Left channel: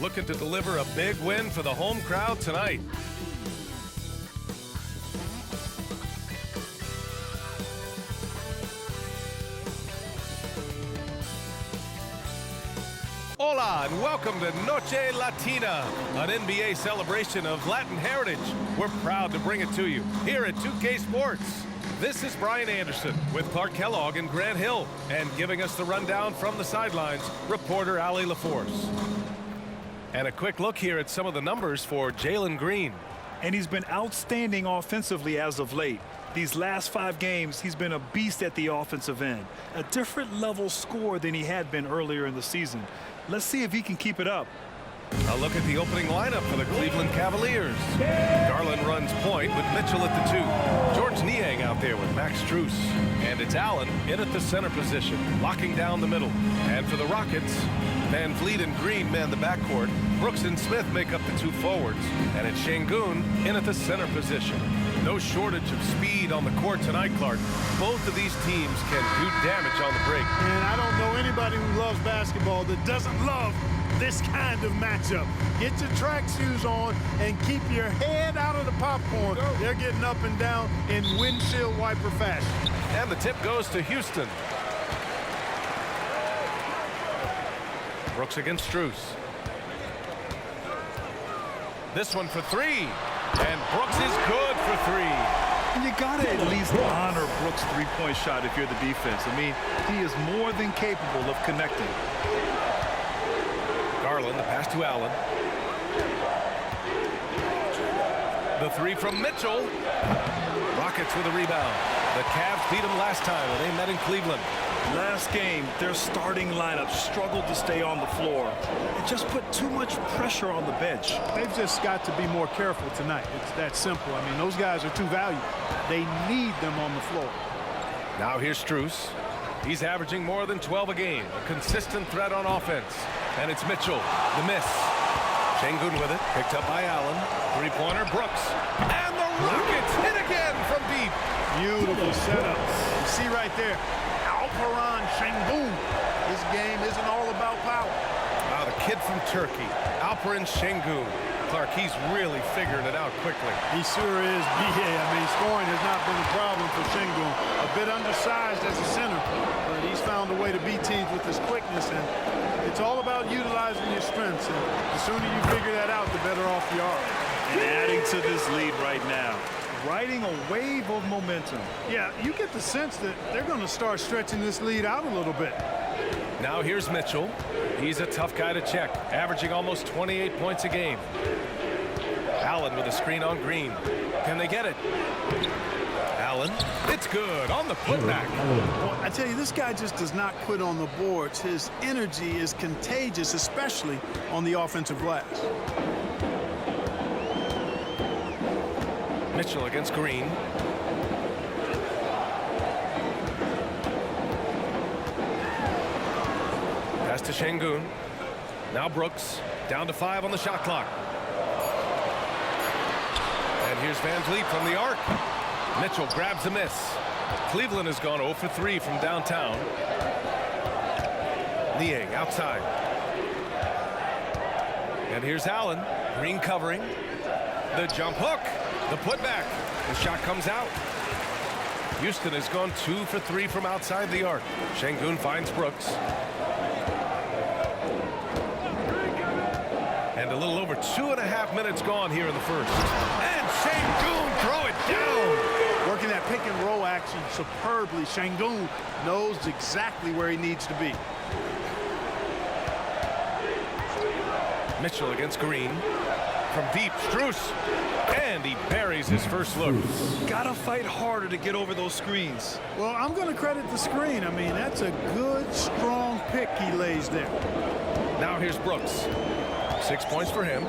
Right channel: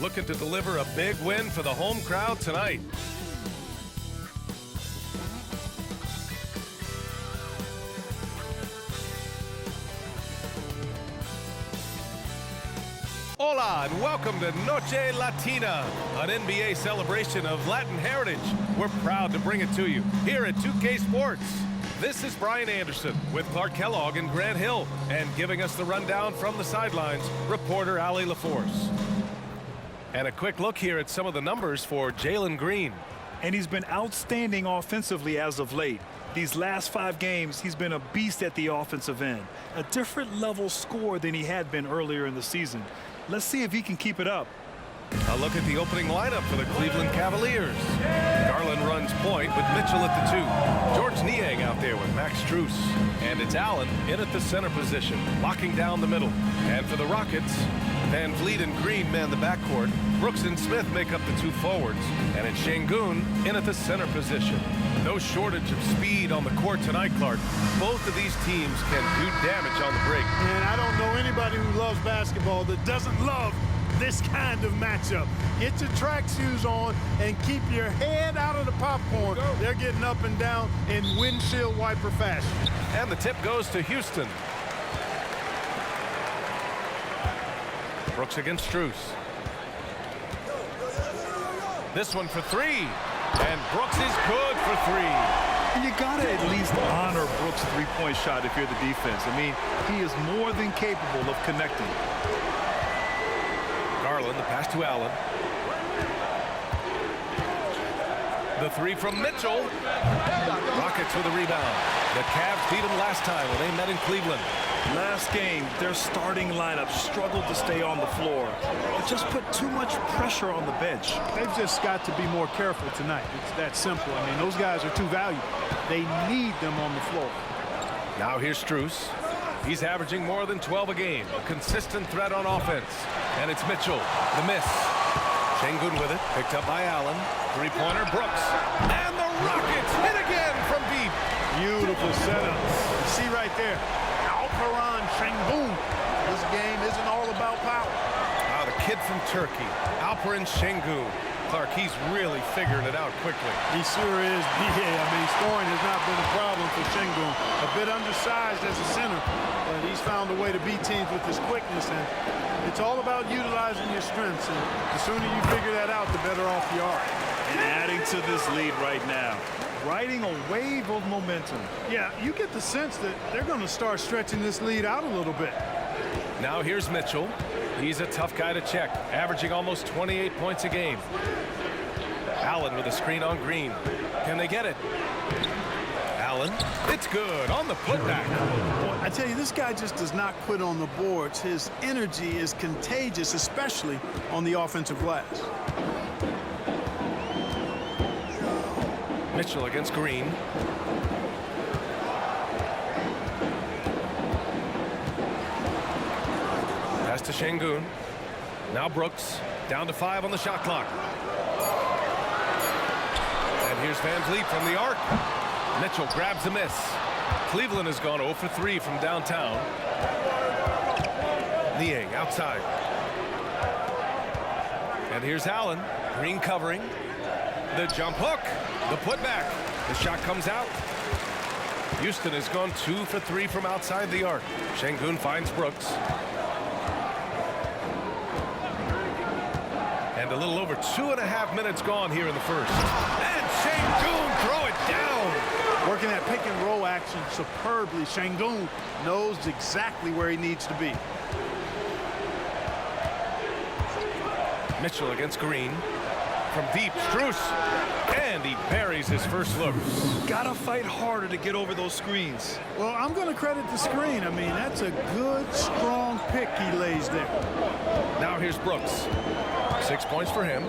looking to deliver a big win for the home crowd tonight. Hola and welcome to Noche Latina, an NBA celebration of Latin heritage. We're proud to bring it to you here at 2K Sports. This is Brian Anderson with Clark Kellogg and Grant Hill, and giving us the rundown from the sidelines, reporter Ali LaForce. And a quick look here at some of the numbers for Jalen Green. And he's been outstanding offensively as of late. These last 5 games, he's been a beast at the offensive end. A different level scorer than he had been earlier in the season. Let's see if he can keep it up. A look at the opening lineup for the Cleveland Cavaliers. Garland runs point with Mitchell at the 2. George Niang out there with Max Strus. And it's Allen in at the center position, locking down the middle. And for the Rockets, Van Vliet and Green man the backcourt. Brooks and Smith make up the 2 forwards. And it's Şengün in at the center position. No shortage of speed on the court tonight, Clark. Both of these teams can do damage on the break. And I don't know anybody who loves basketball that doesn't love this kind of matchup. Get your track shoes on and keep your head out of the popcorn. They're getting up and down in windshield wiper fashion. And the tip goes to Houston. Brooks against Strus. This one for 3. And Brooks is good for 3. And you got to at least honor Brooks' three-point shot if you're the defense. I mean, he is more than capable of connecting. Garland, the pass to Allen. The 3 from Mitchell. Rockets with a rebound. The Cavs beat them last time when they met in Cleveland. Last game, their starting lineup struggled to stay on the floor. It just put too much pressure on the bench. They've just got to be more careful tonight. It's that simple. I mean, those guys are too valuable. They need them on the floor. Now here's Strus. He's averaging more than 12 a game. A consistent threat on offense. And it's Mitchell. The miss. Şengün with it. Picked up by Allen. Three-pointer, Brooks. And the Rockets hit again from deep. Beautiful setup. You see right there, Alperen Şengün. His game isn't all about power. Wow, the kid from Turkey, Alperen Şengün. Clark, he's really figuring it out quickly. He sure is. Yeah, I mean, scoring has not been a problem for Şengün. A bit undersized as a center, but he's found a way to beat teams with his quickness, and it's all about utilizing your strengths. And the sooner you figure that out, the better off you are. And adding to this lead right now, riding a wave of momentum. Yeah, you get the sense that they're going to start stretching this lead out a little bit. Now here's Mitchell. He's a tough guy to check, averaging almost 28 points a game. Allen with a screen on Green. Can they get it? Allen, it's good on the putback. Boy, I tell you, this guy just does not quit on the boards. His energy is contagious, especially on the offensive glass. Mitchell against Green. Pass to Şengün. Now Brooks, down to 5 on the shot clock. And here's Van Vliet from the arc. Mitchell grabs a miss. Cleveland has gone 0 for 3 from downtown. Niang outside. And here's Allen. Green covering. The jump hook. The putback. The shot comes out. Houston has gone 2 for 3 from outside the arc. Şengün finds Brooks. And a little over 2.5 minutes gone here in the first. And Şengün throw it down. Working that pick and roll action superbly. Şengün knows exactly where he needs to be. Mitchell against Green. From deep, Strus. And he buries his first look. Gotta fight harder to get over those screens. Well, I'm going to credit the screen. I mean, that's a good, strong pick he lays there. Now here's Brooks. 6 points for him.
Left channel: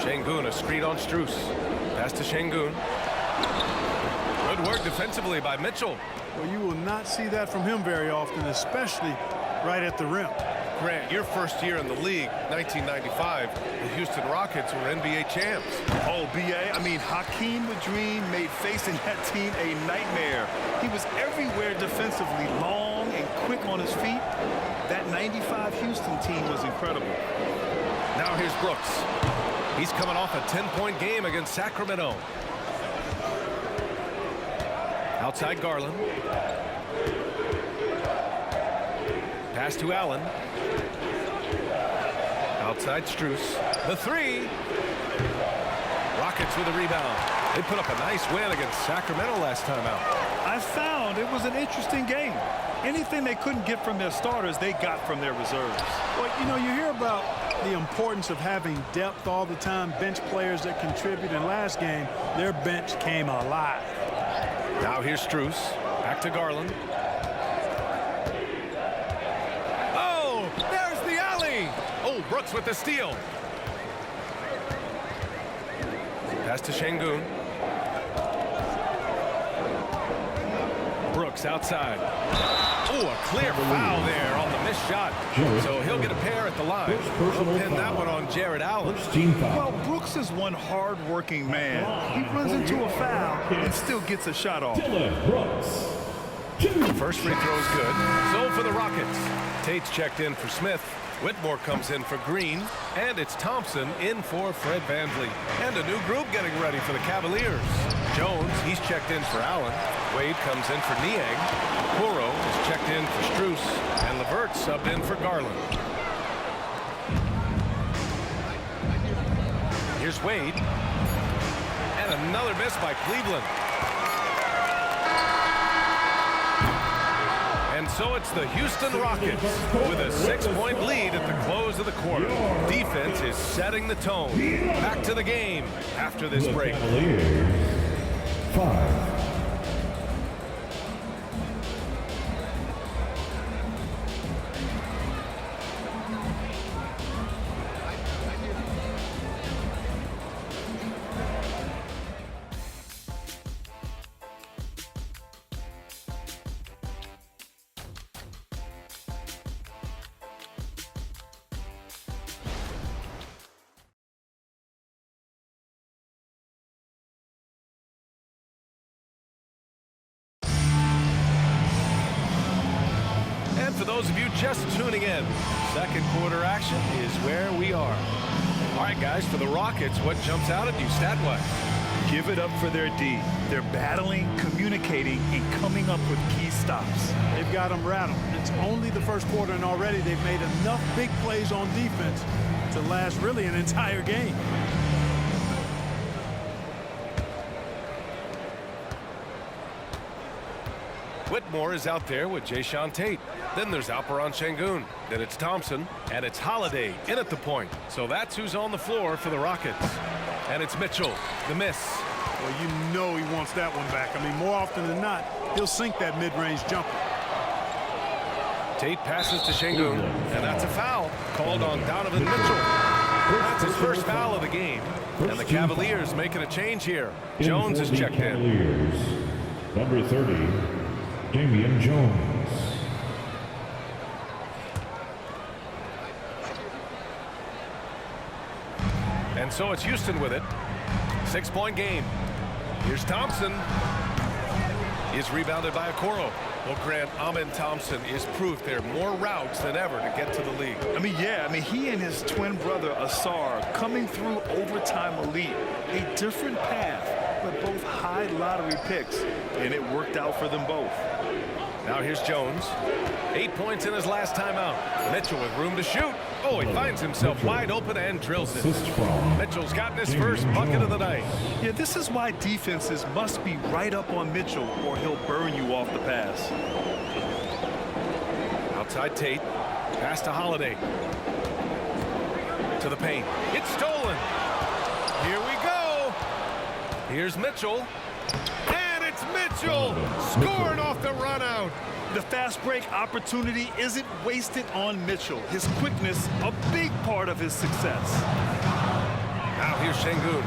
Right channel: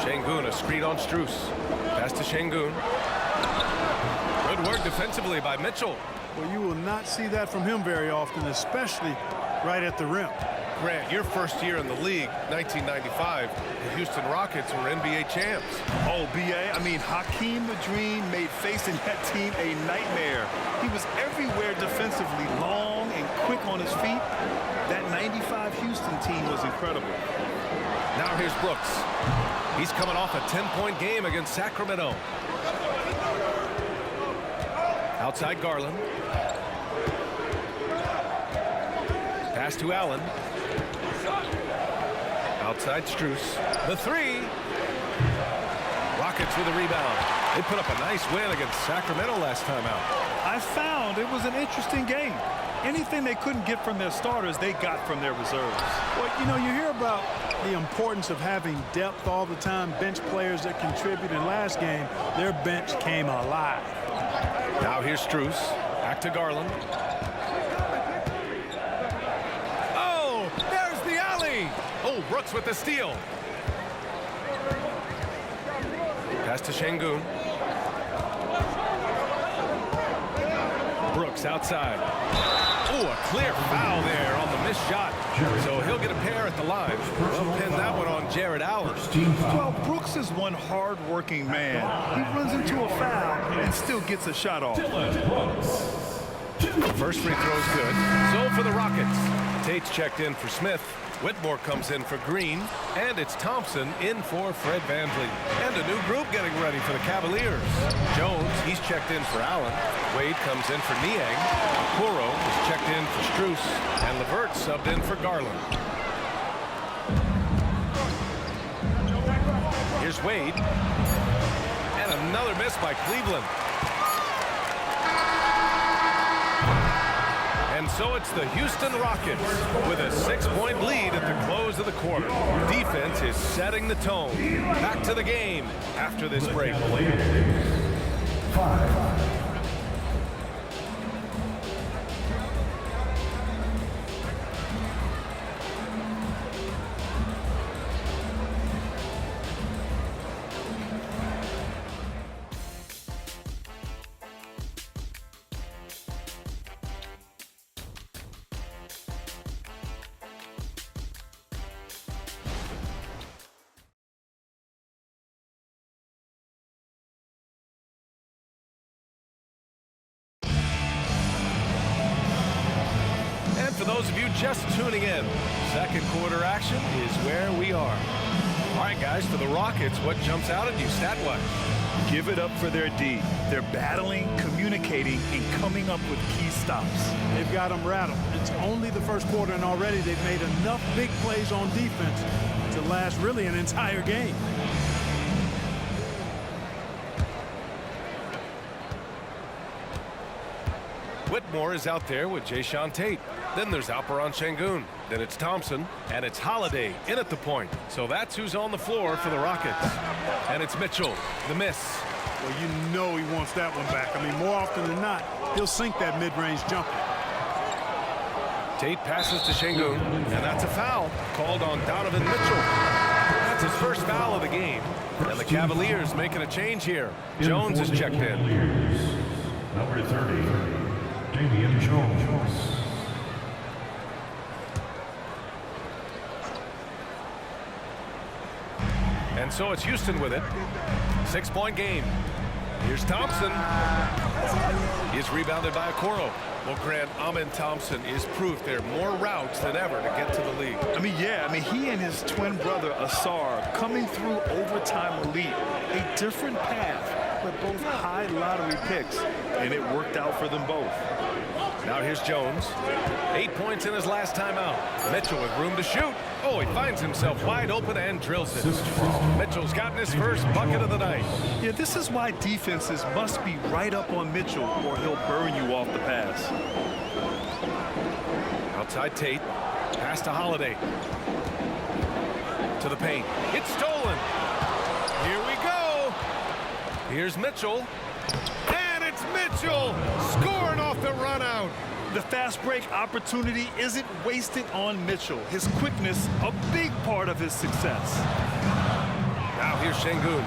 Şengün, a screen on Strus. Pass to Şengün. Good work defensively by Mitchell. Well, you will not see that from him very often, especially right at the rim. Grant, your first year in the league, 1995, the Houston Rockets were NBA champs. Oh, B.A., I mean, Hakeem the Dream made facing that team a nightmare. He was everywhere defensively, long and quick on his feet. That 95 Houston team was incredible. Now here's Brooks. He's coming off a 10-point game against Sacramento. Outside Garland. Pass to Allen. Outside Strus. The three. Rockets with a rebound. They put up a nice win against Sacramento last time out. I found it was an interesting game. Anything they couldn't get from their starters, they got from their reserves. Well, you know, you hear about the importance of having depth all the time, bench players that contribute. In last game, their bench came alive. Now here's Strus. Back to Garland. Oh, there's the alley. Oh, Brooks with the steal. Pass to Şengün. Brooks outside. Oh, a clear foul there on the missed shot. So he'll get a pair at the line. They'll pin that one on Jared Allen. Well, Brooks is one hard-working man. He runs into a foul and still gets a shot off. First free throw is good. So for the Rockets, Tate's checked in for Smith. Whitmore comes in for Green, and it's Thompson in for Fred VanVleet. And a new group getting ready for the Cavaliers. Jones, he's checked in for Allen. Wade comes in for Niang. Okoro is checked in for Strus, and LeVert subbed in for Garland. Here's Wade. And another miss by Cleveland. And so it's the Houston Rockets with a 6-point lead at the close of the quarter. Defense is setting the tone. Back to the game after this break. Cavaliers, 5. For those of you just tuning in, second quarter action is where we are. All right, guys, for the Rockets, what jumps out at you stat-wise? Give it up for their D. They're battling, communicating, and coming up with key stops. They've got them rattled. It's only the first quarter, and already they've made enough big plays on defense to last really an entire game. Whitmore is out there with Jae'Sean Tate. Then there's Alperen Şengün. Then it's Thompson. And it's Holiday in at the point. So that's who's on the floor for the Rockets. And it's Mitchell, the miss. Well, you know he wants that one back. I mean, more often than not, he'll sink that mid-range jumper. Tate passes to Şengün. And that's a foul called on Donovan Mitchell. That's his first foul of the game. And the Cavaliers making a change here. Jones is checked in. Cavaliers, number 30. Damian Jones. And so it's Houston with it. 6-point game. Here's Thompson. He's rebounded by Okoro. Well, Grant, Amen Thompson is proof there are more routes than ever to get to the league. He and his twin brother Asar coming through overtime elite. A different path, but both high lottery picks, and it worked out for them both. Now here's Jones. 8 points in his last time out. Mitchell with room to shoot. Oh, he finds himself wide open and drills it. Mitchell's gotten his first bucket of the night. Yeah, this is why defenses must be right up on Mitchell or he'll burn you off the pass. Outside Tate. Pass to Holiday. To the paint. It's stolen. Here we go. Here's Mitchell. And it's Mitchell scoring off the run out. The fast break opportunity isn't wasted on Mitchell. His quickness, a big part of his success. Now here's Şengün.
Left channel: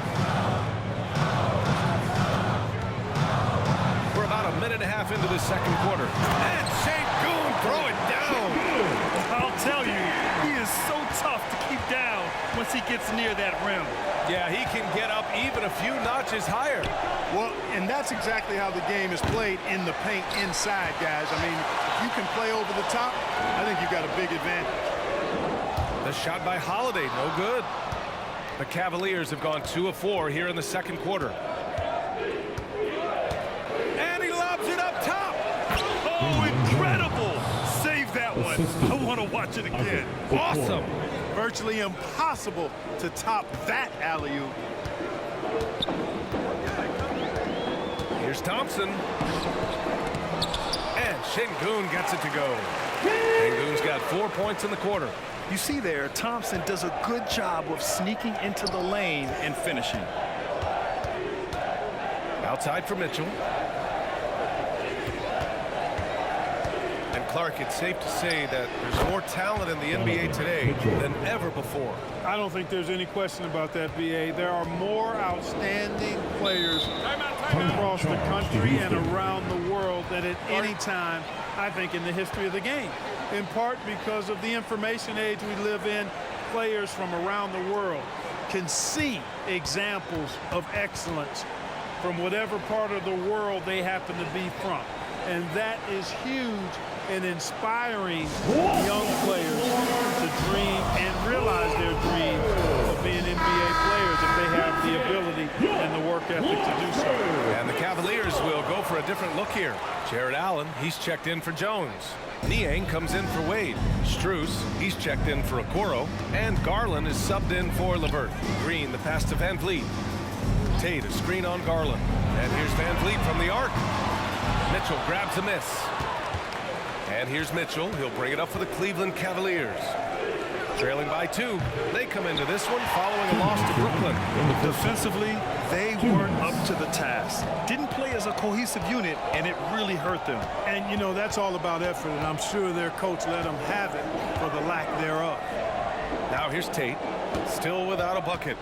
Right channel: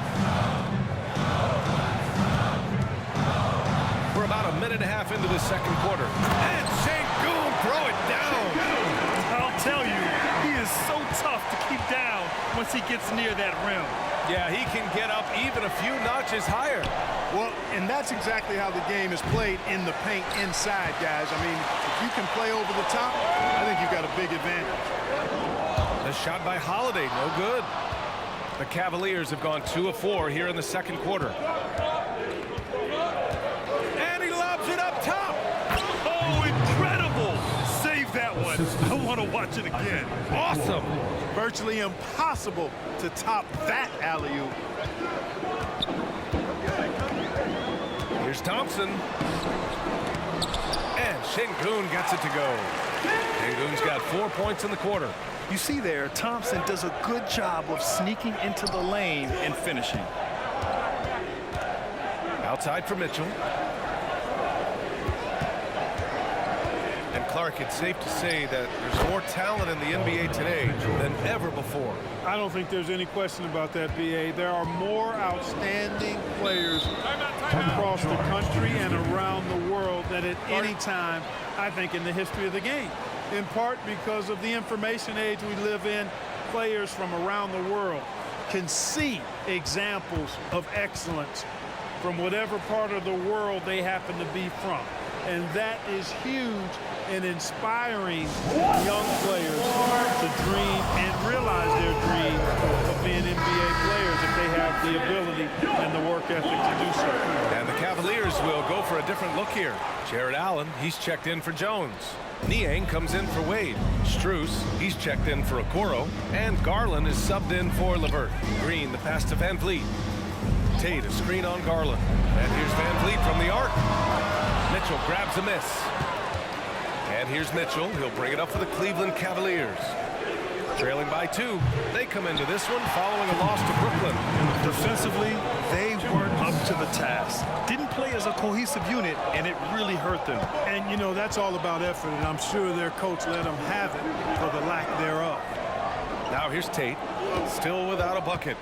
We're about a minute and a half into the second quarter. And Şengün throw it down. I'll tell you, he is so tough to keep down once he gets near that rim. Yeah, he can get up even a few notches higher. Well, and that's exactly how the game is played in the paint inside, guys. I mean, if you can play over the top, I think you've got a big advantage. The shot by Holiday, no good. The Cavaliers have gone 2 of 4 here in the second quarter. And he lobs it up top. Oh, incredible. Save that one. I want to watch it again. Awesome. Virtually impossible to top that alley-oop. Here's Thompson. And Şengün gets it to go. Şengün's got 4 points in the quarter. You see there, Thompson does a good job of sneaking into the lane and finishing. Outside for Mitchell. And Clark, it's safe to say that there's more talent in the NBA today than ever before. I don't think there's any question about that, B.A. There are more outstanding players across the country and around the world than at any time, I think, in the history of the game. In part because of the information age we live in, players from around the world can see examples of excellence from whatever part of the world they happen to be from. And that is huge in inspiring young players to dream and realize their dreams of being NBA players if they have the ability and the work ethic to do so. And the Cavaliers will go for a different look here. Jared Allen, he's checked in for Jones. Niang comes in for Wade. Strus, he's checked in for Okoro. And Garland is subbed in for LeVert. Green, the pass to Van Vliet. Tate, a screen on Garland. And here's Van Vliet from the arc. Mitchell grabs a miss. And here's Mitchell. He'll bring it up for the Cleveland Cavaliers. Trailing by 2. They come into this one following a loss to Brooklyn. Defensively, they weren't up to the task. Didn't play as a cohesive unit, and it really hurt them. And, you know, that's all about effort, and I'm sure their coach let them have it for the lack thereof. Now here's Tate. Still without a bucket.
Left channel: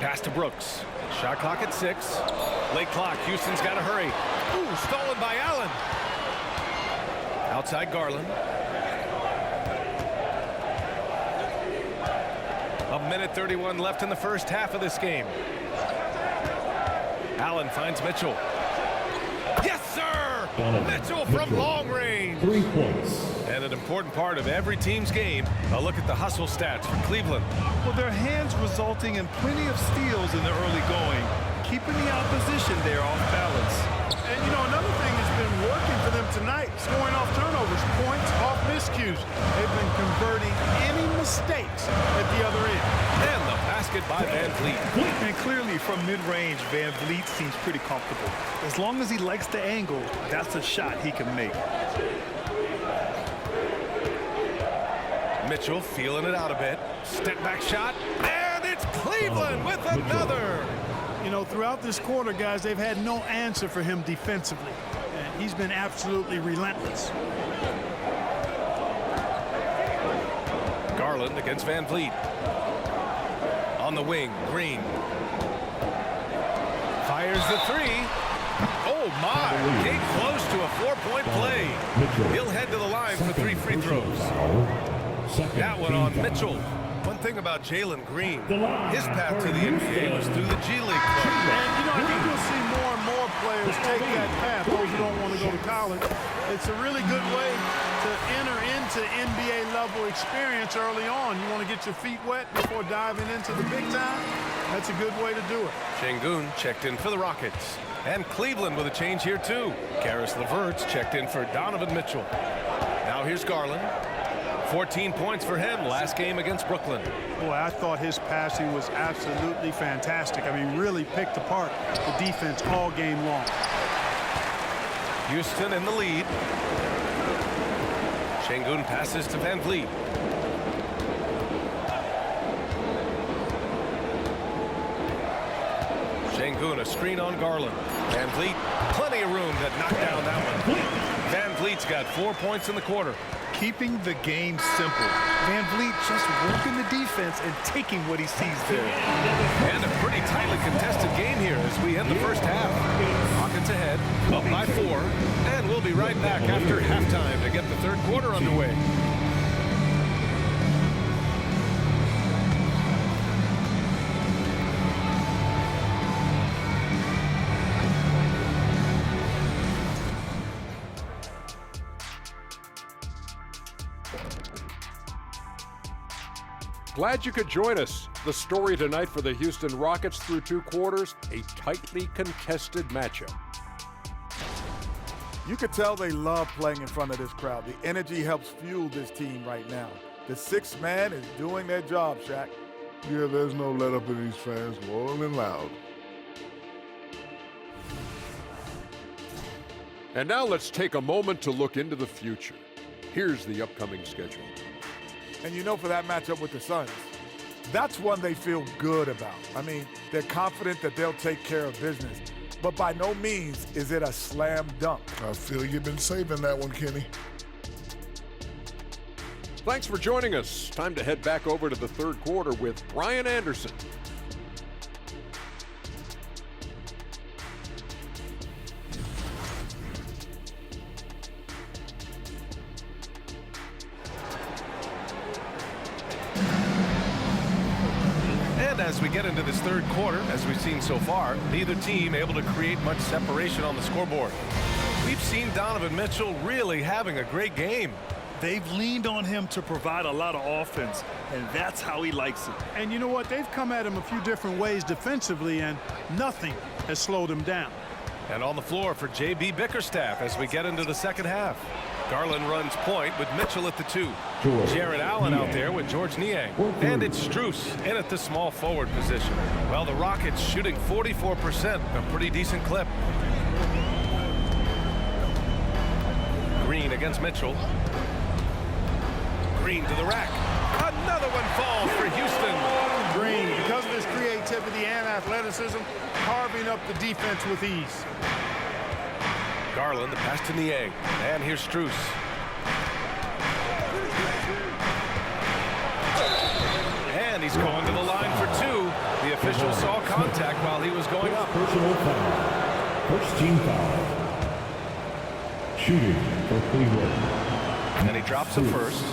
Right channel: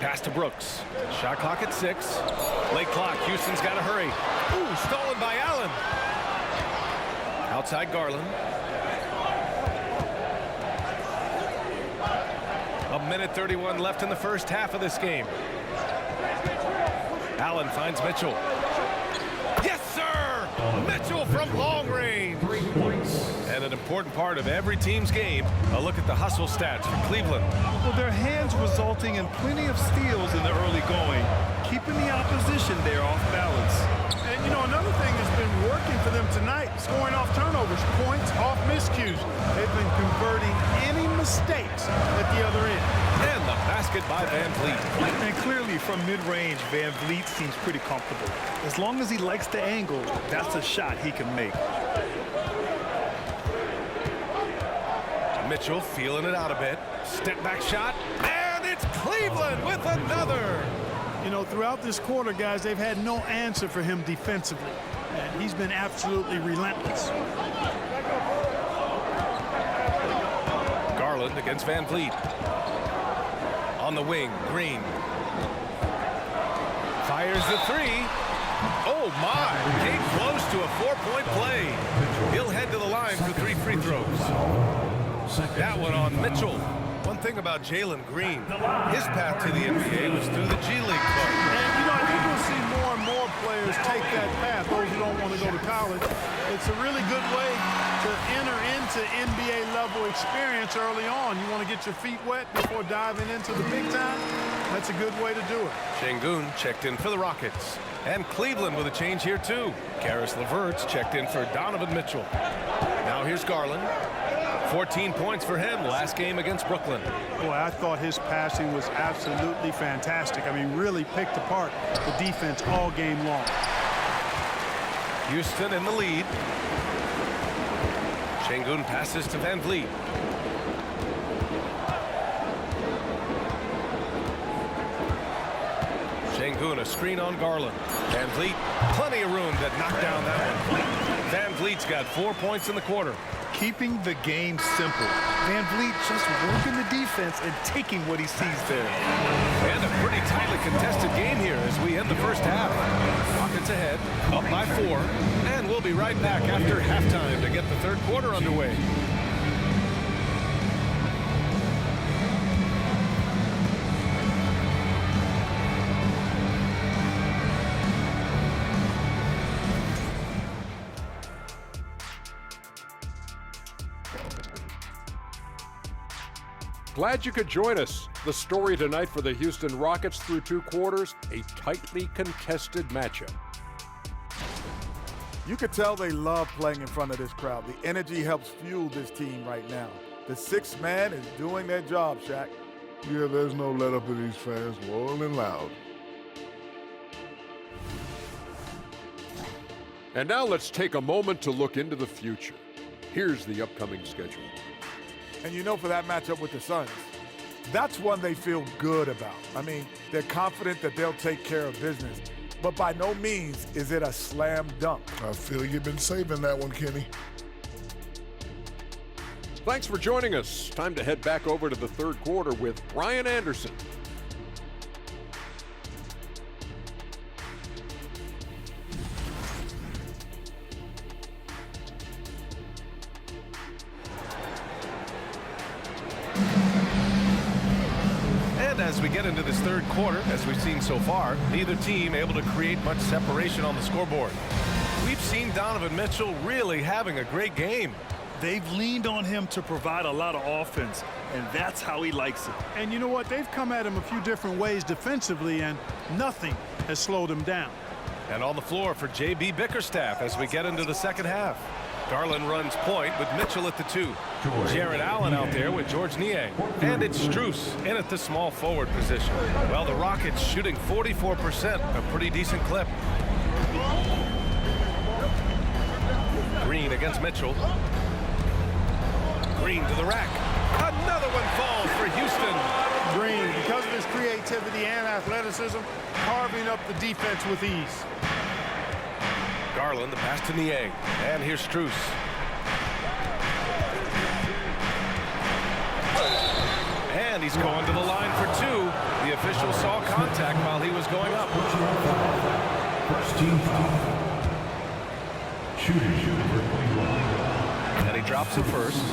Pass to Brooks. Shot clock at 6. Late clock. Houston's got to hurry. Ooh, stolen by Allen. Outside Garland. A minute 31 left in the first half of this game. Allen finds Mitchell. Yes, sir! Mitchell from long range. 3 points. And an important part of every team's game, a look at the hustle stats for Cleveland. Well, their hands resulting in plenty of steals in the early going, keeping the opposition there off balance. And, you know, another thing that's been working for them tonight, scoring off turnovers, points off miscues. They've been converting any mistakes at the other end. And the basket by Van Vliet. And clearly from mid-range, Van Vliet seems pretty comfortable. As long as he likes the angle, that's a shot he can make. Mitchell feeling it out a bit. Step back shot. And it's Cleveland with another. You know, throughout this quarter, guys, they've had no answer for him defensively. And he's been absolutely relentless. Garland against Van Vliet. On the wing, Green. Fires the 3. Oh, my. Came close to a 4-point play. He'll head to the line for 3 free throws. That one on Mitchell. One thing about Jalen Green, his path to the NBA was through the G League club. And, you know, I think we'll see more and more players take that path, those who don't want to go to college. It's a really good way to enter into NBA-level experience early on. You want to get your feet wet before diving into the big time? That's a good way to do it. Şengün checked in for the Rockets. And Cleveland with a change here, too. Karis LeVert's checked in for Donovan Mitchell. Now here's Garland. 14 points for him last game against Brooklyn. Boy, I thought his passing was absolutely fantastic. I mean, really picked apart the defense all game long. Houston in the lead. Şengün passes to Van Vliet. Şengün, a screen on Garland. Van Vliet, plenty of room to knock down that one. Van Vliet's got 4 points in the quarter. Keeping the game simple. Van Vliet just working the defense and taking what he sees there. And a pretty tightly contested game here as we end the first half. Rockets ahead, up by 4, and we'll be right back after halftime to get the third quarter underway. Glad you could join us. The story tonight for the Houston Rockets through 2 quarters, a tightly contested matchup. You could tell they love playing in front of this crowd. The energy helps fuel this team right now. The 6th man is doing their job, Shaq. Yeah, there's no let up in these fans, loyal and loud. And now let's take a moment to look into the future. Here's the upcoming schedule. And you know, for that matchup with the Suns, that's one they feel good about. I mean, they're confident that they'll take care of business, but by no means is it a slam dunk. I feel you've been saving that one, Kenny. Thanks for joining us. Time to head back over to the 3rd quarter with Brian Anderson. And as we get into this 3rd quarter, as we've seen so far, neither team able to create much separation on the scoreboard. We've seen Donovan Mitchell really having a great game. They've leaned on him to provide a lot of offense, and that's how he likes it. And you know what? They've come at him a few different ways defensively, and nothing has slowed him down. And on the floor for J.B. Bickerstaff as we get into the 2nd half. Garland runs point with Mitchell at the 2. Jared Allen out there with George Niang. And it's Strus in at the small forward position. Well, the Rockets shooting 44%, a pretty decent clip. Green against Mitchell. Green to the rack. Another one falls for Houston. Green, because of his creativity and athleticism, carving up the defense with ease. Garland, the pass to Niang. And here's Strus. And he's going to the line for 2. The official saw contact while he was going up. Personal foul. First team foul. Shooting for Cleveland. And he drops it first.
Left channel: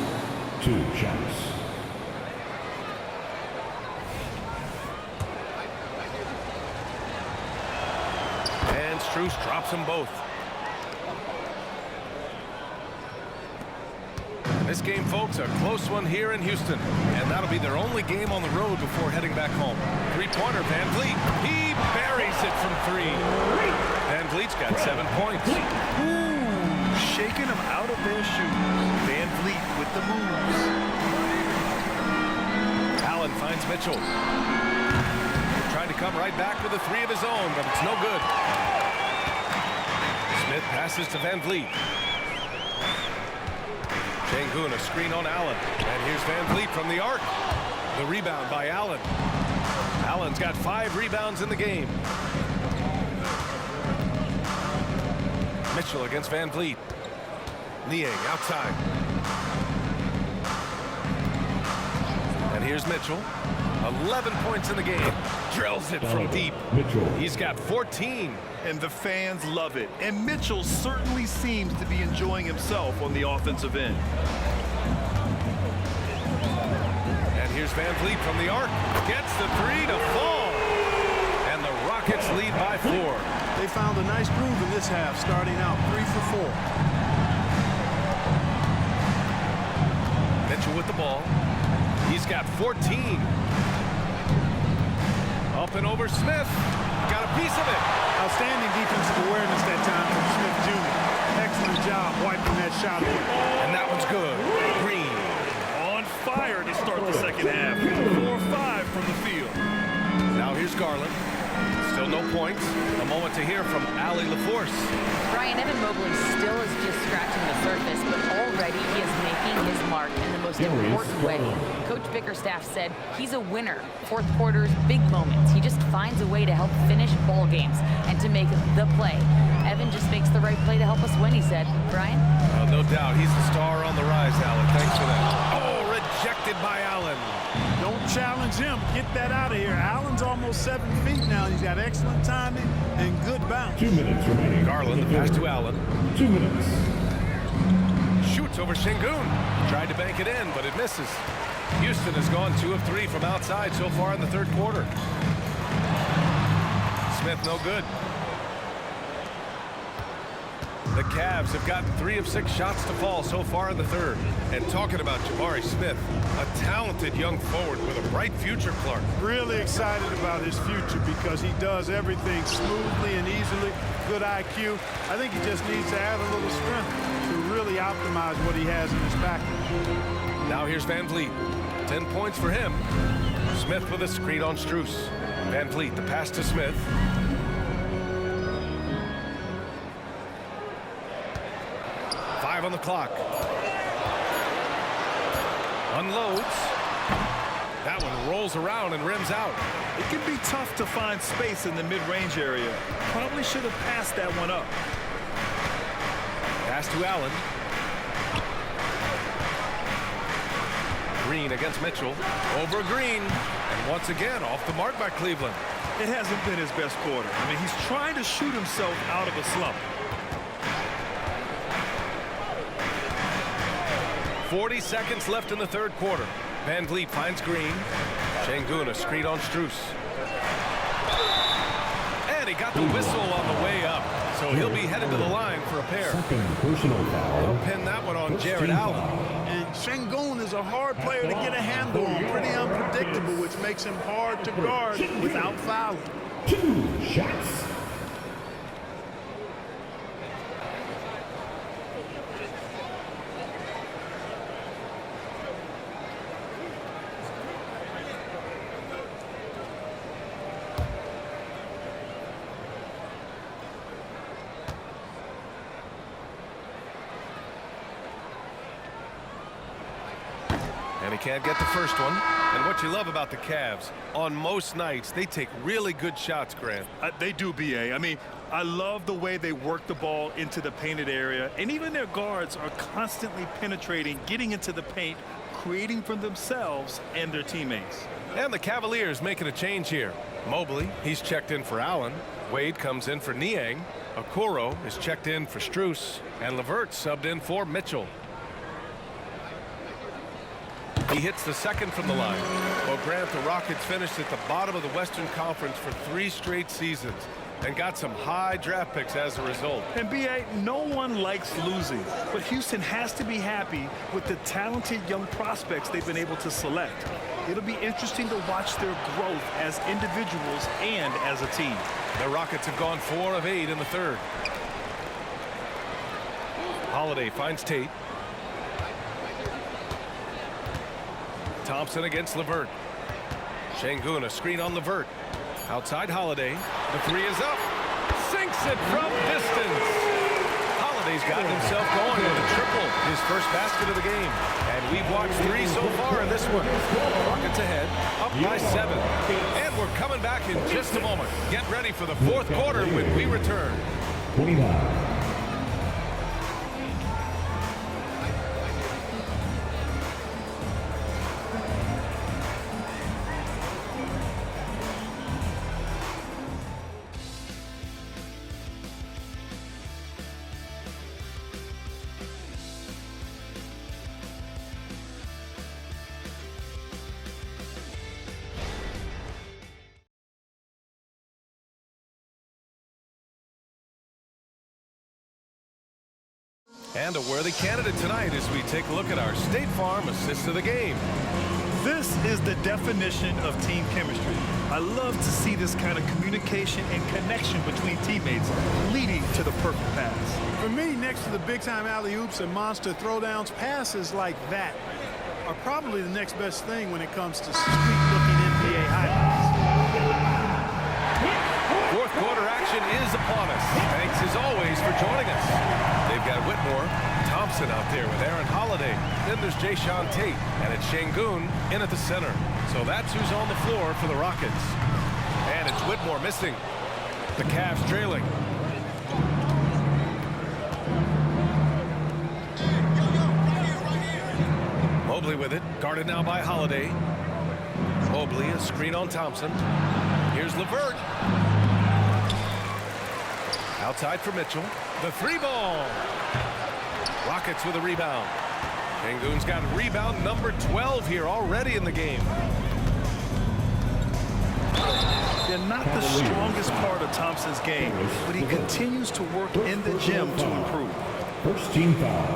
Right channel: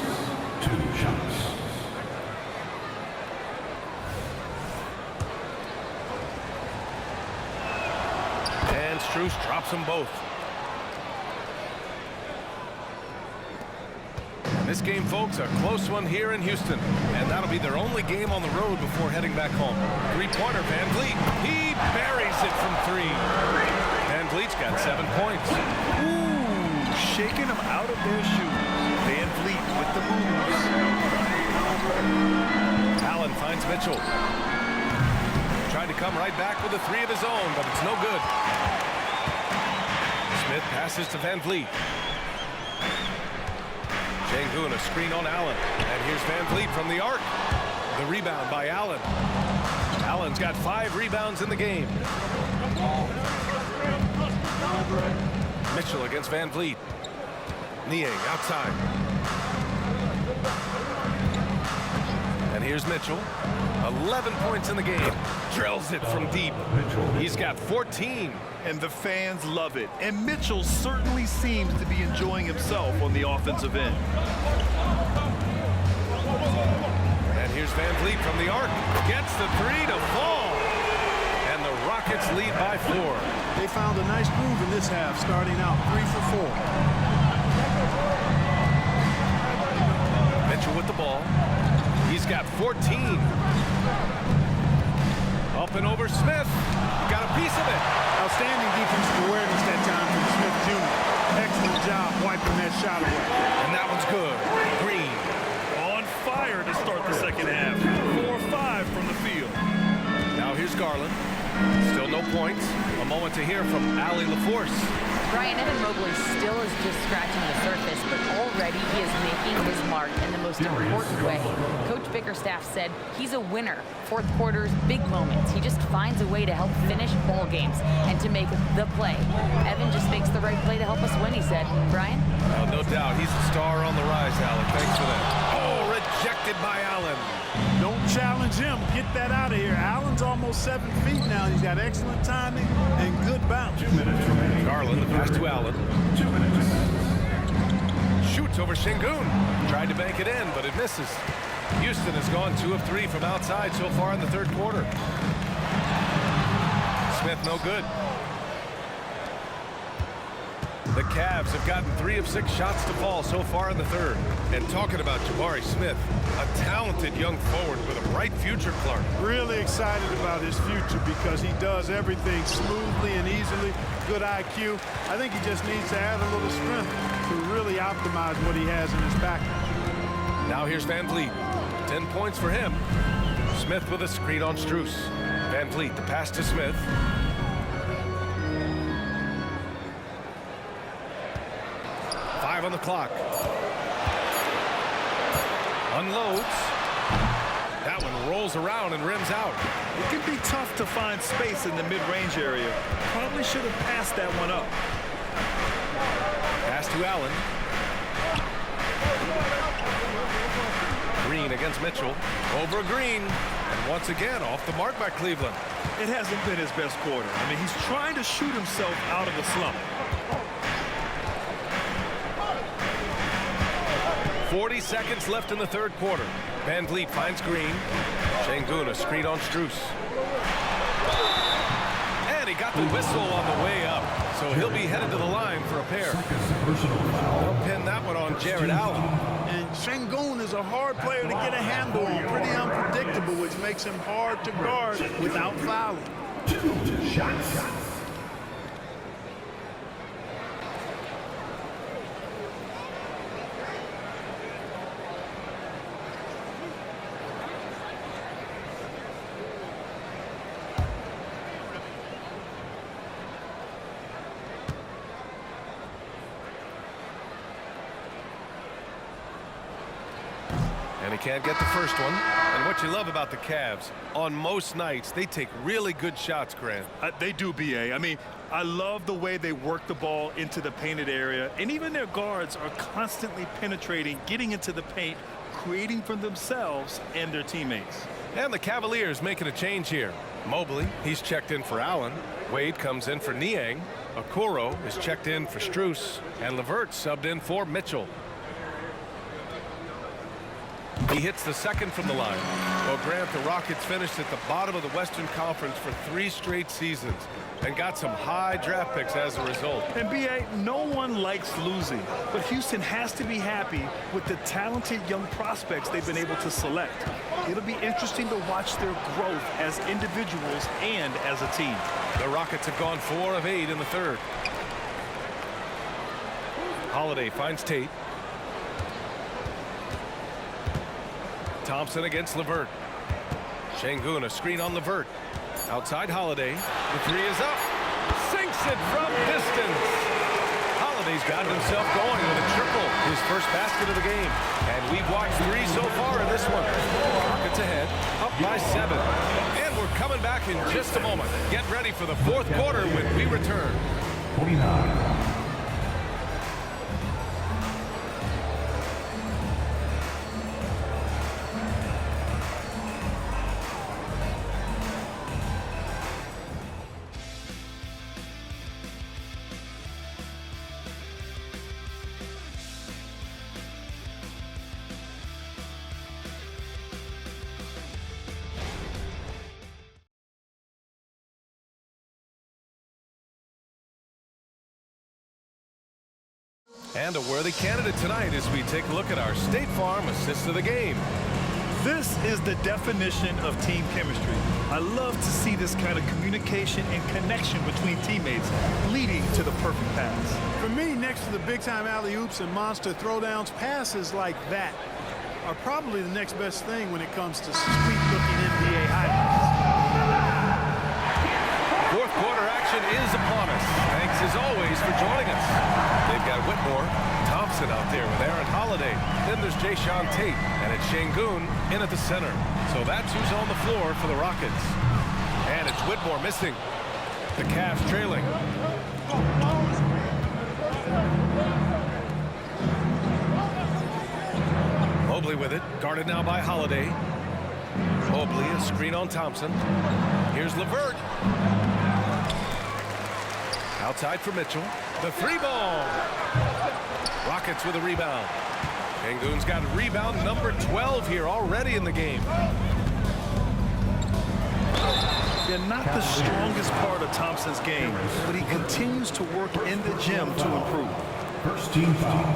2 shots. And Strus drops them both. This game, folks, a close one here in Houston. And that'll be their only game on the road before heading back home. 3-pointer, Van Vliet. He buries it from 3. Van Vliet's got 7 points. Ooh, shaking them out of their shoes. Van Vliet with the moves. Allen finds Mitchell. Trying to come right back with a 3 of his own, but it's no good. Smith passes to Van Vliet. Sengun, a screen on Allen. And here's Van Vliet from the arc. The rebound by Allen. Allen's got 5 rebounds in the game. Mitchell against Van Vliet. Niang outside. And here's Mitchell. 11 points in the game. Drills it from deep. Mitchell. He's got 14. And the fans love it. And Mitchell certainly seems to be enjoying himself on the offensive end. And here's Van Vliet from the arc. Gets the 3 to fall. And the Rockets lead by 4. They found a nice groove in this half, starting out 3 for 4. Mitchell with the ball. He's got 14. Up and over Smith. Got a piece of it. Outstanding defensive awareness that time from Smith Jr. Excellent job wiping that shot away. And that one's good. Green. On fire to start the 2nd half. 4-5 from the field. Now here's Garland. Still no points. A moment to hear from Allie LaForce. Brian, Evan Mobley still is just scratching the surface, but already he is making his mark in the most important way. Coach Bickerstaff said he's a winner. 4th quarter's big moments. He just finds a way to help finish ball games and to make the play. Evan just makes the right play to help us win, he said. Brian? No doubt. He's the star on the rise, Allie. Thanks for that. Oh, rejected by Allen. Don't challenge him. Get that out of here. Allen's almost 7 feet now. He's got excellent timing and good bounce. 2 minutes remaining. Garland, the pass to Allen. 2 minutes. Shoots over Sengun. Tried to bank it in, but it misses. Houston has gone 2 of 3 from outside so far in the 3rd quarter. Smith no good. The Cavs have gotten 3 of 6 shots to fall so far in the third. And talking about Jabari Smith, a talented young forward with a bright future, Clark. Really excited about his future because he does everything smoothly and easily. Good IQ. I think he just needs to add a little strength to really optimize what he has in his package. Now here's Van Vliet. 10 points for him. Smith with a screen on Strus. Van Vliet, the pass to Smith. Five on the clock. Unloads. That one rolls around and rims out. It can be tough to find space in the mid-range area. Probably should have passed that one up. Pass to Allen. Green against Mitchell. Over Green. And once again, off the mark by Cleveland. It hasn't been his best quarter. I mean, he's trying to shoot himself out of a slump. 40 seconds left in the third quarter. Van Vliet finds Green. Şengün, a screen on Strus. And he got the whistle on the way up. So he'll be headed to the line for a pair. Second personal foul. They'll pin that one on Jared Allen. And Şengün is a hard player to get a handle on. Pretty unpredictable, which makes him hard to guard without fouling. 2 shots. And he can't get the first one. And what you love about the Cavs, on most nights, they take really good shots, Grant. They do, B.A. I mean, I love the way they work the ball into the painted area. And even their guards are constantly penetrating, getting into the paint, creating for themselves and their teammates. And the Cavaliers making a change here. Mobley, he's checked in for Allen. Wade comes in for Niang. Okoro is checked in for Strus. And LeVert subbed in for Mitchell. He hits the second from the line. Well, Grant, the Rockets finished at the bottom of the Western Conference for 3 straight seasons and got some high draft picks as a result. And B.A., no one likes losing, but Houston has to be happy with the talented young prospects they've been able to select. It'll be interesting to watch their growth as individuals and as a team. The Rockets have gone 4 of 8 in the third. Holiday finds Tate. Thompson against LeVert. Şengün, a screen on LeVert. Outside Holiday. The 3 is up. Sinks it from distance. Holiday's gotten himself going with a triple. His first basket of the game. And we've watched 3 so far in this one. Rockets ahead. Up by 7. And we're coming back in just a moment. Get ready for the fourth quarter when we return. 29. And a worthy candidate tonight as we take a look at our State Farm assist of the game. This is the definition of team chemistry. I love to see this kind of communication and connection between teammates leading to the perfect pass. For me, next to the big-time alley-oops and monster throwdowns, passes like that are probably the next best thing when it comes to sweet-looking NBA highlights. Fourth quarter action is upon us. Thanks as always for joining us. They've got Whitmore, Thompson out there with Aaron Holiday. Then there's Jayshawn Tate, and it's Şengün in at the center. So that's who's on the floor for the Rockets. And it's Whitmore missing. The Cavs trailing. Mobley with it, guarded now by Holiday. Mobley, a screen on Thompson. Here's LeVert. Outside for Mitchell. The 3-ball. Rockets with a rebound. Şengün's got rebound number 12 here already in the game. They're not the strongest part of Thompson's game, but he continues to work in the gym to improve. First team foul.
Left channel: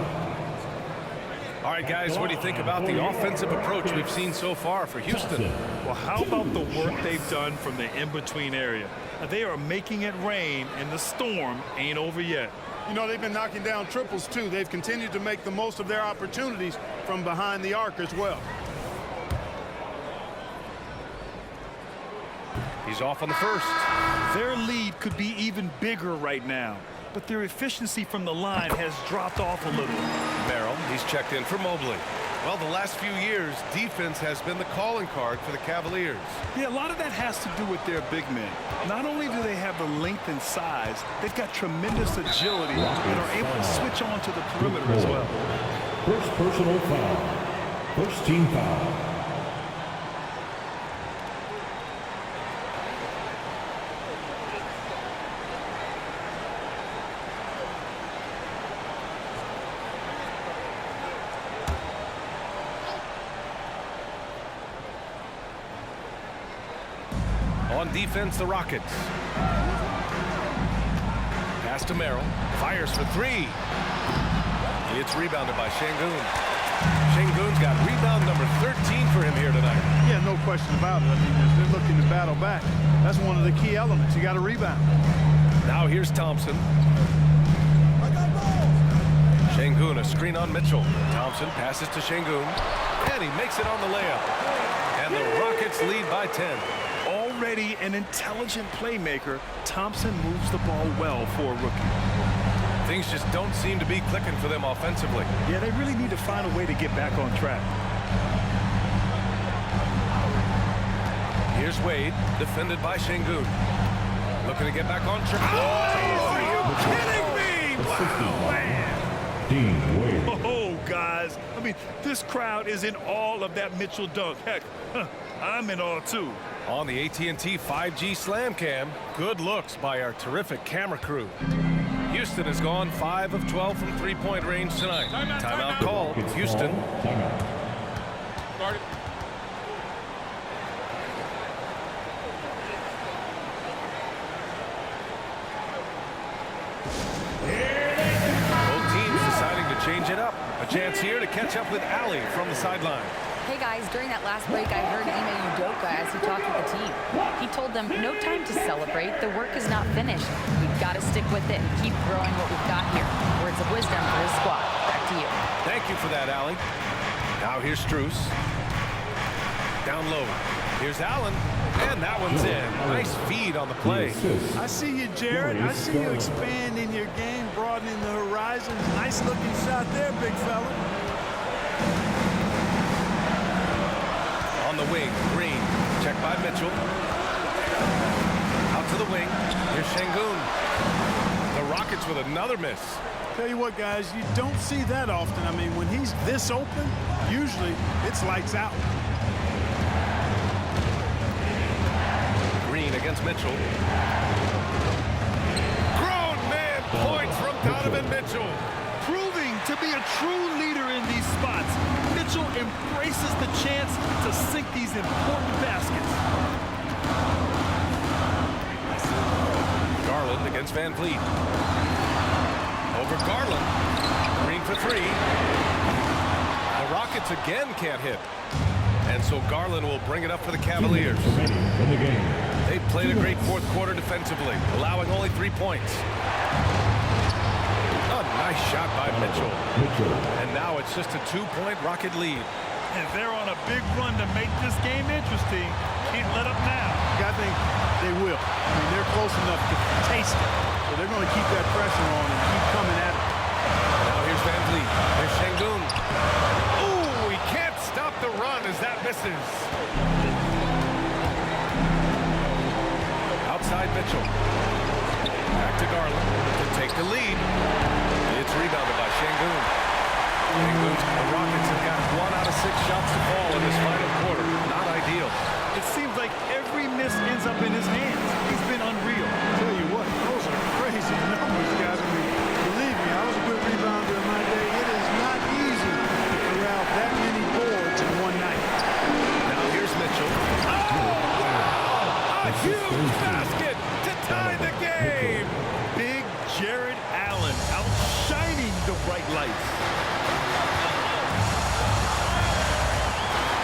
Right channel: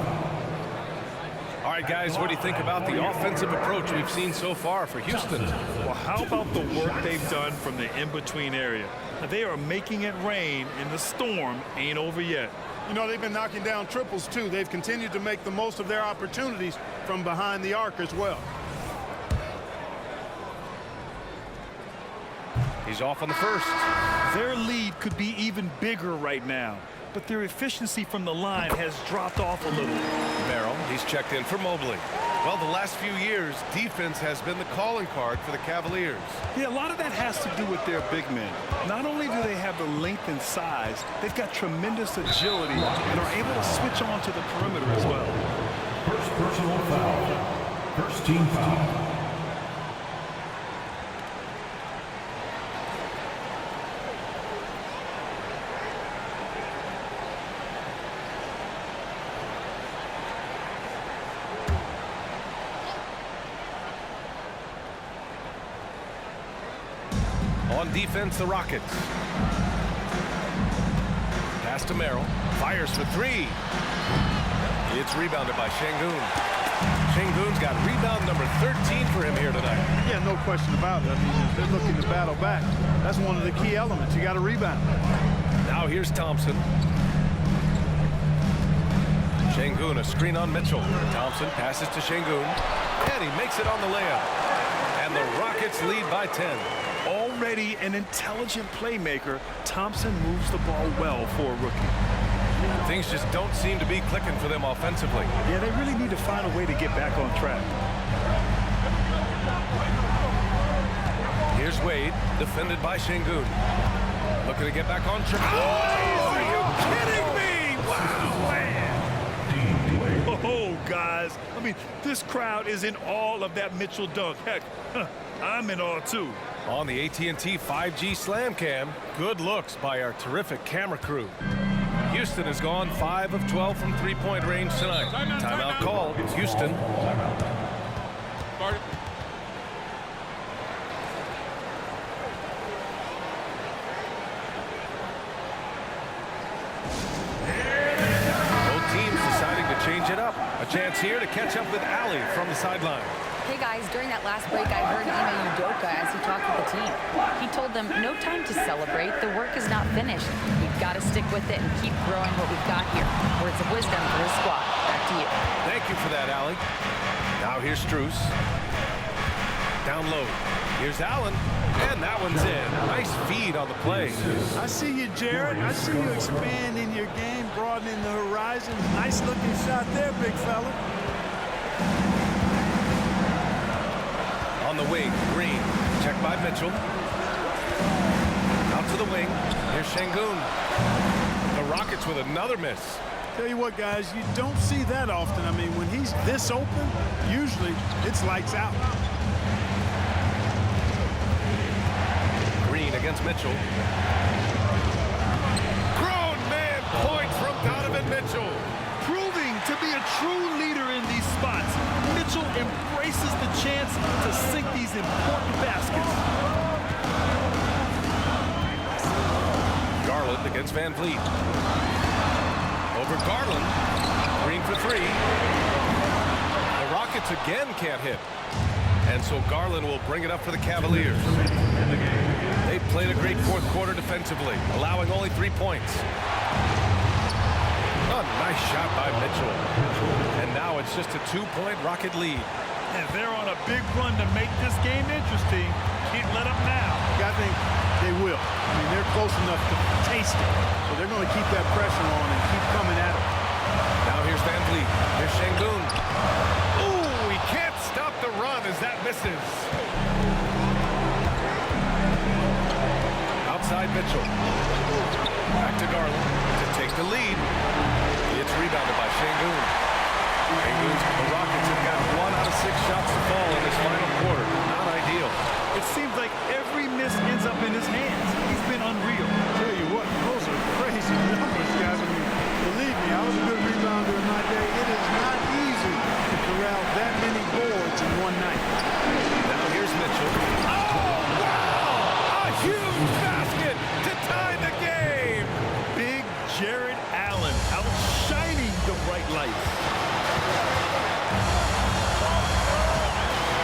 All right, guys, what do you think about the offensive approach we've seen so far for Houston? Well, how about the work they've done from the in-between area? Now, they are making it rain, and the storm ain't over yet. You know, they've been knocking down triples, too. They've continued to make the most of their opportunities from behind the arc as well. He's off on the first. Their lead could be even bigger right now, but their efficiency from the line has dropped off a little. Merrill, he's checked in for Mobley. Well, the last few years, defense has been the calling card for the Cavaliers. Yeah, a lot of that has to do with their big men. Not only do they have the length and size, they've got tremendous agility and are able to switch on to the perimeter as well. First personal foul. First team foul. On defense, the Rockets. Pass to Merrill. Fires for three. It's rebounded by Şengün. Şengün's got rebound number 13 for him here tonight. Yeah, no question about it. I mean, if they're looking to battle back, that's one of the key elements. You got to rebound. Now here's Thompson. Şengün, a screen on Mitchell. Thompson passes to Şengün, and he makes it on the layup. And the Rockets lead by 10. Already an intelligent playmaker, Thompson moves the ball well for a rookie. Things just don't seem to be clicking for them offensively. Yeah, they really need to find a way to get back on track. Here's Wade, defended by Şengün. Looking to get back on track. Oh, are you kidding me? Wow, man. Dean Wade. Oh, guys. I mean, this crowd is in awe of that Mitchell dunk. Heck, I'm in awe, too. On the AT&T 5G Slam Cam, good looks by our terrific camera crew. Houston has gone 5 of 12 from three-point range tonight. Timeout called. Houston. Timeout. Start it. Both teams deciding to change it up. A chance here to catch up with Ali from the sideline. Hey guys, during that last break, I heard Ime Udoka as he talked with the team. He told them, no time to celebrate. The work is not finished. We've got to stick with it and keep growing what we've got here. Words of wisdom for his squad. Back to you. Thank you for that, Ali. Now here's Strus. Down low. Here's Allen. And that one's in. Nice feed on the play. I see you, Jared. I see you expanding your game, broadening the horizons. Nice looking shot there, big fella. On the wing, Green. Checked by Mitchell. Out to the wing. Here's Şengün. The Rockets with another miss. Tell you what, guys, you don't see that often. I mean, when he's this open, usually it's lights out. Green against Mitchell. Grown man points from Donovan Mitchell. Proving to be a true leader in these spots, Mitchell embraces the chance to sink these important baskets. Garland against Van Vliet. Over Garland. Green for three. The Rockets again can't hit. And so Garland will bring it up for the Cavaliers. In the game. They've played a great fourth quarter defensively, allowing only 3 points. A nice shot by Mitchell. And now it's just a 2-point Rocket lead. And they're on a big run to make this game interesting. Can't let up now. I think they will. I mean, they're close enough to taste it. So they're going to keep that pressure on and keep coming at it. Now here's Van Vliet. Here's Şengün. Ooh, he can't stop the run as that misses. Outside Mitchell. Back to Garland to take the lead. It's rebounded by Şengün. The Rockets have got 1 out of 6 shots to fall in this final quarter. Not ideal. It seems like every miss ends up in his hands. He's been unreal. Tell you what, those are crazy numbers, guys. I mean, believe me, I was a good rebounder in my day. It is not easy to corral that many boards in one night. Now here's Mitchell. Oh, wow! A huge basket to tie the game. Big Jared Allen outshining the bright lights.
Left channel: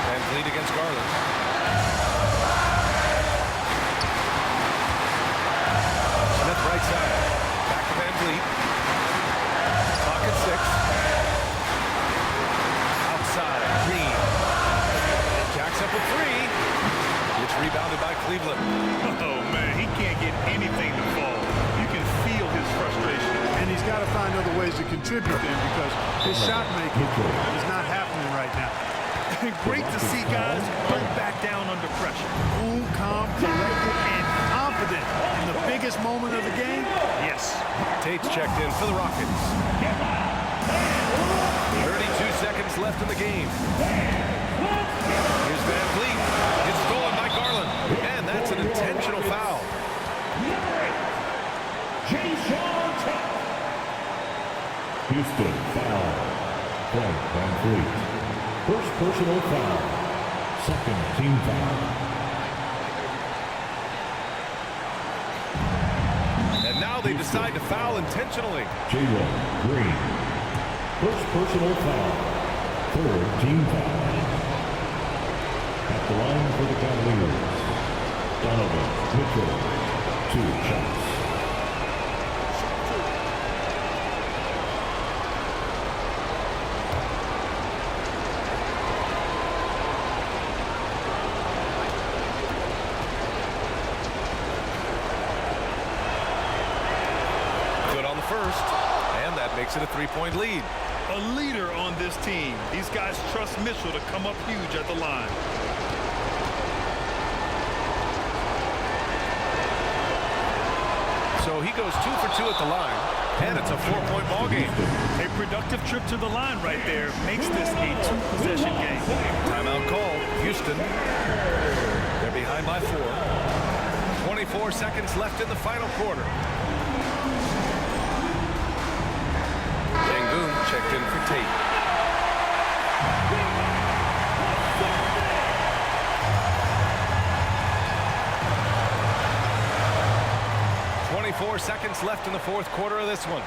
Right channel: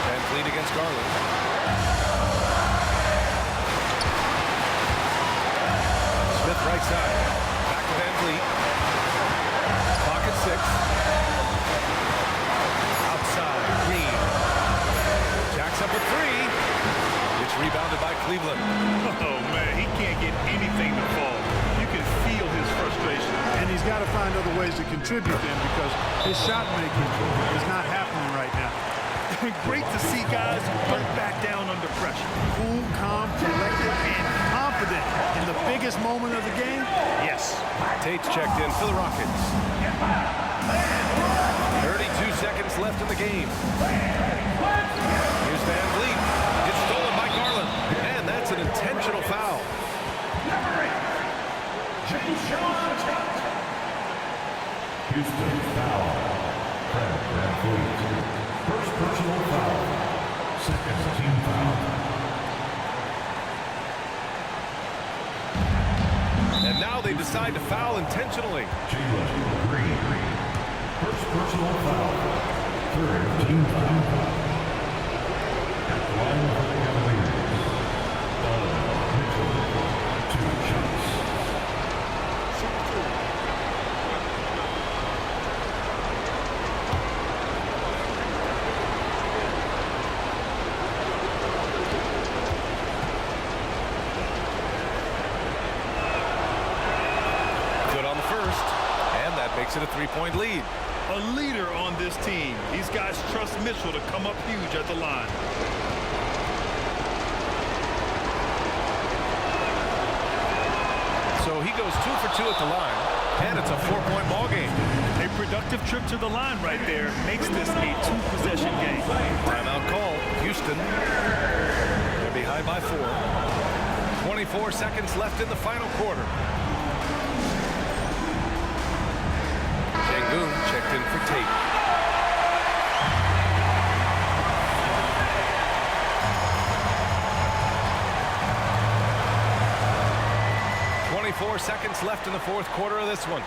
Van Vliet against Garland. Smith right side. Back to Van Vliet. Clock at 6. Outside, Green. Jacks up with 3. It's rebounded by Cleveland. Oh, man, he can't get anything to fall. You can feel his frustration. And he's got to find other ways to contribute then because his shot making is not happening right now. Great to see guys don't back down under pressure. Cool, calm, collected, and confident in the biggest moment of the game. Yes. Tate's checked in for the Rockets. 32 seconds left in the game. Here's Van Vliet. It's stolen by Garland. And that's an intentional foul. Houston foul. Fred Van Vliet. First personal foul. Second team foul. And now they decide to foul intentionally. Jalen Green. First personal foul. Third team foul. At the line for the Cavaliers. Donovan Mitchell. 2 shots. Shoot 2. Good on the first. And that makes it a 3-point lead. A leader on this team. These guys trust Mitchell to come up huge at the line. So he goes 2 for 2 at the line. And it's a 4-point ball game. A productive trip to the line right there makes this a 2-possession game. Timeout called. Houston. They're behind by 4. 24 seconds left in the final quarter. Şengün checked in for Tate. .24 seconds left in the fourth quarter of this one.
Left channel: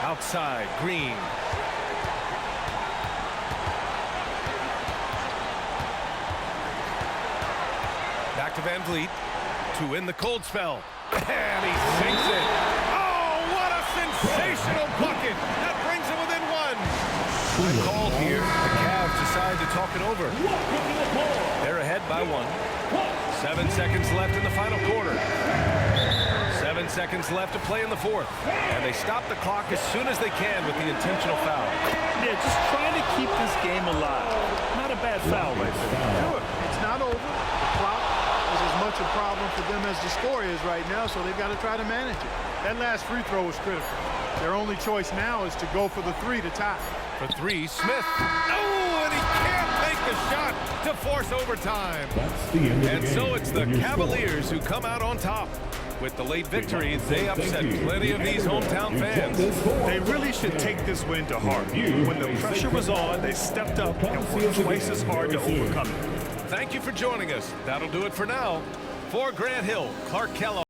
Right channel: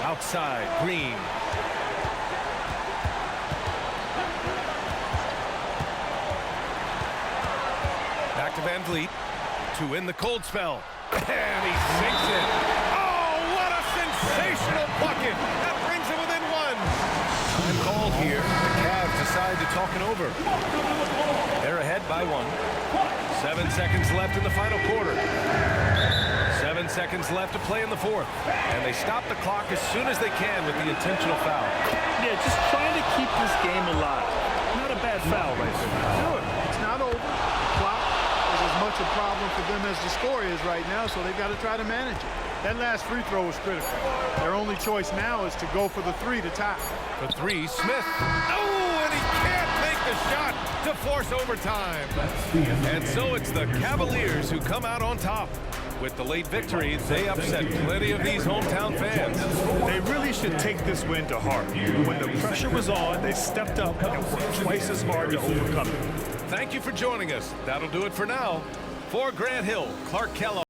Outside, Green. Back to Van Vliet. To win the cold spell. And he sinks it. Oh, what a sensational bucket. That brings him within 1. Time called here. The Cavs decide to talk it over. They're ahead by 1. 7 seconds left in the final quarter. 7 seconds left to play in the fourth. And they stop the clock as soon as they can with the intentional foul. Yeah, just trying to keep this game alive. Not a bad foul right there. Sure, it's not over. The clock is as much a problem for them as the score is right now, so they've got to try to manage it. That last free throw was critical. Their only choice now is to go for the 3 to tie. For 3, Smith. Oh, and he can't make the shot to force overtime. That's the end of the And game. so it's the Cavaliers who come out on top. With the late victory, they upset plenty of these hometown fans. They really should take this win to heart. When the pressure was on, they stepped up and worked twice as hard to overcome it. Thank you for joining us. That'll do it for now. For Grant Hill, Clark Kellogg.